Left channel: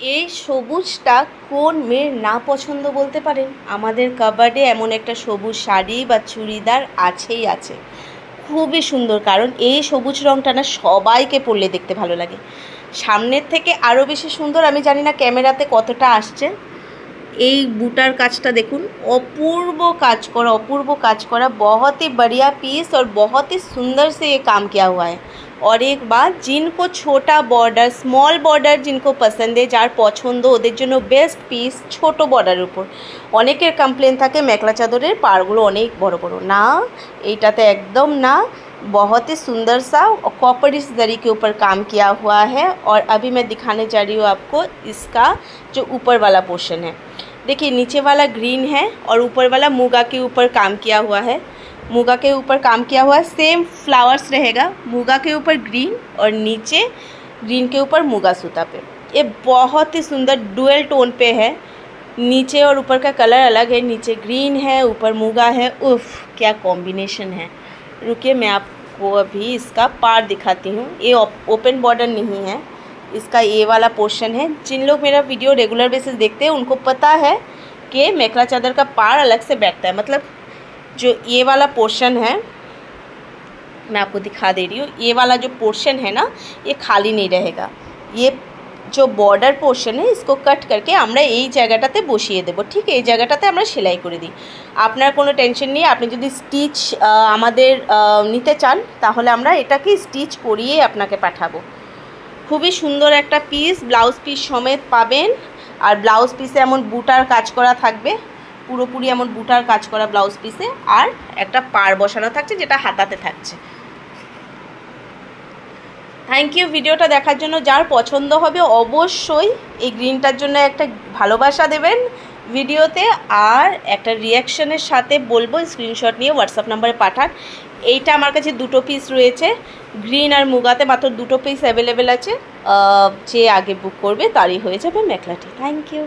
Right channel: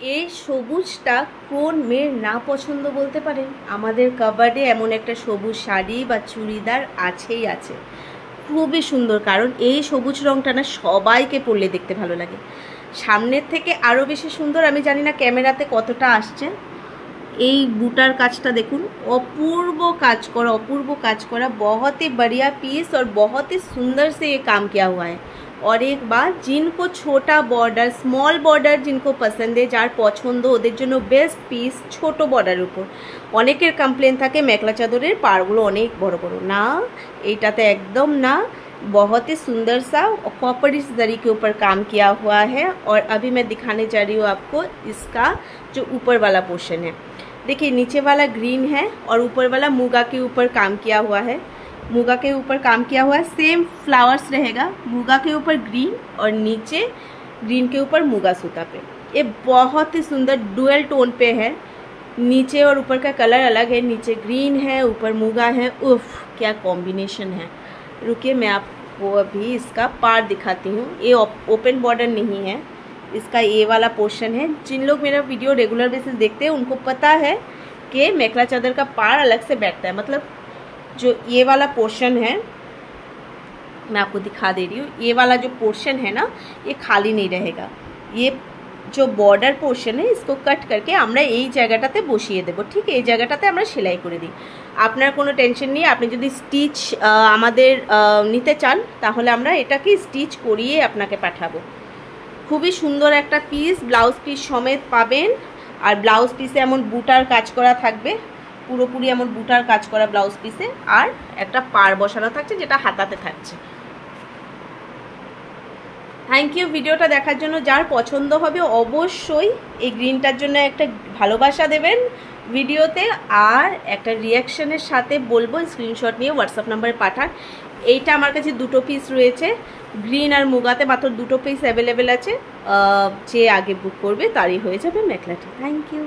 এই সবুজটা কোন মেয়ের না পছন্দ বলতে পারেন? আমাদের কাবার্ডে এমন একটা সবুজ শাড়ি বা চুড়িদার আছেই আছে, খুবই সুন্দর। কারণ এই সবুজ রঙটা না সবাইকে পরলে দেখতে ভালো লাগে, সামনের থেকে আরও বেশি সুন্দর। আমি জানি না ক্যামেরাতে কতটা আসছে। এই বুটার কাজটা দেখুন, अपूर्व काज करा, बहुत ही बढ़िया पीस और बहुत ही सुंदर से ये काम किया हुआ है। और एक बात, जिनको छोटा बॉर्डर, स्मॉल बॉर्डर जिनको पसंद है, जार पछंद ओদের জন্য বেস্ট পিস ছোট বর্ডারের উপর। অনেকের কমপ্লেন থাকে মেখলা চাদরের পাড়গুলো অনেক বড় বড়, না এইটাতে একদম না। बहुत ही सुंदर सा कॉपर जरी के ऊपर काम किया हुआ है। और अभी मैं दिखाने जा रही हूँ आपको इसका जो ऊपर वाला पोर्शन है। देखिए नीचे वाला ग्रीन है और ऊपर वाला मूंगा के ऊपर काम किया हुआ है। मूंगा के ऊपर काम किया हुआ है, सेम फ्लावर्स रहेगा, मूंगा के ऊपर ग्रीन और नीचे ग्रीन के ऊपर मूंगा सूता पे। ये बहुत ही सुंदर डुअल टोन पे है, नीचे और ऊपर का कलर अलग है, नीचे ग्रीन है ऊपर मूंगा है। उफ क्या कॉम्बिनेशन है। रुकिए मैं आपको अभी इसका पार्ट दिखाती हूँ। ये ओपन बॉर्डर नहीं है, इसका ये वाला पोर्शन है। जिन लोग मेरा वीडियो रेगुलर बेसिस देखते हैं उनको पता है कि मेखला चादर का पार अलग से बैठता है। मतलब जो ये वाला पोर्शन है, मैं आपको दिखा दे रही हूँ, ये वाला जो पोर्शन है ना, ये खाली नहीं रहेगा। ये जो बॉर्डर पोर्शन है इसको कट करके আমরা এই জায়গাটাতে বসিয়ে দেব। ঠিক এই জায়গাটাতে আমরা সেলাই করে দিই। আপনার কোনো টেনশন নেই, আপনি যদি স্টিচ আমাদের নিতে চান তাহলে আমরা এটাকে স্টিচ করিয়ে আপনাকে পাঠাবো। খুবই সুন্দর একটা পিস, ব্লাউজ পিস সমেত পাবেন। আর ব্লাউজ পিসে এমন বুটার কাজ করা থাকবে, পুরোপুরি এমন বুটার কাজ করা ব্লাউজ পিসে। আর একটা পাড় বসানো থাকছে যেটা হাতাতে থাকছে। থ্যাংক ইউ ভিডিওটা দেখার জন্য। যার পছন্দ হবে অবশ্যই এই গ্রিনটার জন্য একটা ভালোবাসা দেবেন ভিডিওতে, আর একটা রিয়াকশনের সাথে বলবো স্ক্রিনশট নিয়ে হোয়াটসঅ্যাপ নাম্বারে পাঠান। এইটা আমার কাছে দুটো পিস রয়েছে, গ্রিন আর মুগাতে মাত্র দুটো পিস অ্যাভেলেবেল আছে। যে আগে বুক করবে তারই হয়ে যাবে মেখলাটি। Thank you.